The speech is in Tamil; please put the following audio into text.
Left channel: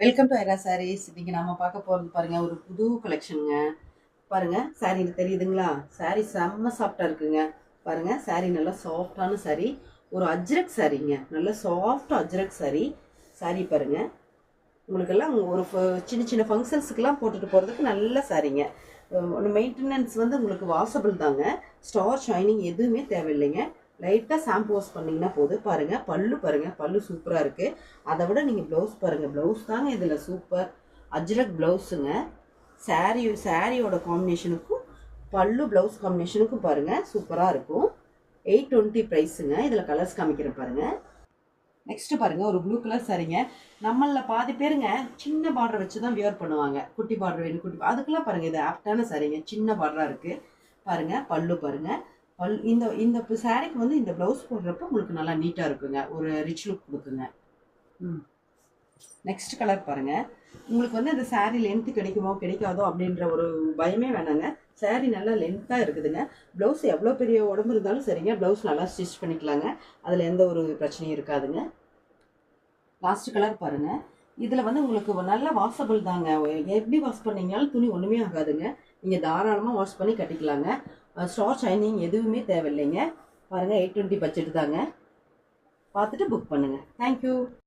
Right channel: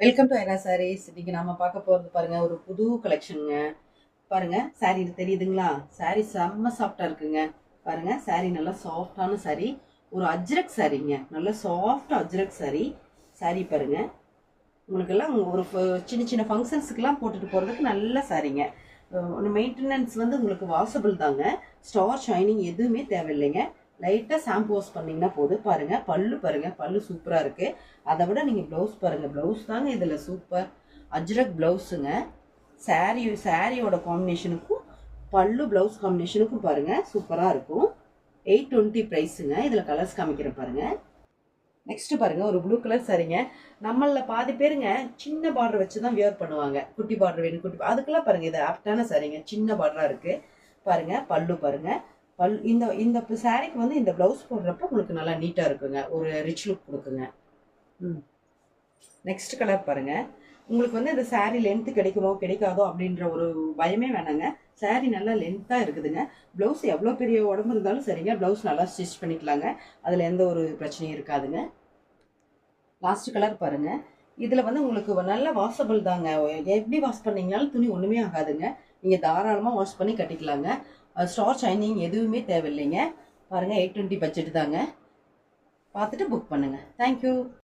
Welcome to Airaa saris. இன்னைக்கு நாம பார்க்க போறது பாருங்க, ஒரு புது கலெக்ஷனுங்க. பாருங்க, சாரீ தெரியுதுங்களா? சாரீ செம்ம சாஃப்டா இருக்குங்க. பாருங்க, சாரீ நல்லா சாஃப்டான சாரீ. ஒரு அஜ்ரக் சாரீங்க, நல்ல சாஃப்டா அஜ்ரக் சாரீ. சாரீ பாருங்க, உங்களுக்கெல்லாம் ஒரு சின்ன சின்ன ஃபங்க்ஷன்ஸுக்கெல்லாம் போட்டுட்டு போகிறதுக்கு நல்ல சாரீங்க. மெயின்டெனன்ஸ் வந்து உங்களுக்கு வாசபிள் தாங்க. ஸ்டார் ஷைனிங் எதுவுமே தேவையில்லைங்க. லைட்டாக ஷாம்பு வாஷ் பண்ணிங்கன்னா போதும். பாருங்கள், பல்லு பாருங்கள், பல்லு சூப்பராக இருக்குது. அதை விட நீங்கள் ப்ளவுஸ் பாருங்கள், ப்ளவுஸ் தாங்க இதில் சூப்பர். அஜ்ரக் ப்ளவுஸுங்க. சாரியோட காம்பினேஷனுக்கும் பல்லு ப்ளவுஸ் காம்பினேஷனுக்கும் பாருங்கள் சூப்பராக இருக்கும். 820 ப்ரைஸுங்க. இதில் கலர்ஸ் காமிக்கிறேன் பாருங்கள். நெக்ஸ்ட் பாருங்க, ஒரு ப்ளூ கலர் சாரீங்க. நம்மள பாதி பேருங்க சின்ன பார்டர் வச்சு தான் வியர் பண்ணுவாங்க. குட்டி பார்டர் வேணும், அதுக்கெல்லாம் பாருங்க, இது ஆப்டான சாரீங்க. சின்ன பார்டரா இருக்கு பாருங்க. பல்லு பாருங்க. இந்த இந்த சாரீக்கு வந்து இந்த பிளவுஸ் போடுறப்ப உங்களுக்கு நல்லா நீட்டா இருக்குங்க. ஒரு ரிச் லுக் கொடுக்குங்க. நெக்ஸ்ட் கலர் பாருங்க. உங்களுக்கு வந்து இந்த சாரீ லென்த் கிடைக்குமோ கிடைக்காதோ அப்படின்ற ஒரு பயமே வேணாங்க. சாரீ நல்லா லென்த்தாக இருக்குதுங்க. ப்ளவுஸ் எவ்வளோ பெரிய உடம்பு இருந்தாலும் சரிங்க, ப்ளவுஸ் நல்லா ஸ்டிச் பண்ணிக்கலாங்க. அதில் எந்த ஒரு பிரச்சனையும் இருக்காதுங்க. லாஸ்ட் கலர் பாருங்க. இதில் வந்து உங்களுக்கு நல்லா வாஷபிள் தாங்க. எப்படி வாஷ் பண்ணீங்கனாலும் துணி ஒன்றுமே ஆகாதுங்க. நீங்கள் தாராளமாக வாஷ் பண்ணி கட்டிக்கலாங்க. ஸ்டார் ஷைனிங் எதுவுமே தேவையில்லைங்க. பாருங்கள், 820 பட்ஜெட் தாங்க. பார்த்துட்டு புக் பண்ணுங்கள். தேங்க்யூ.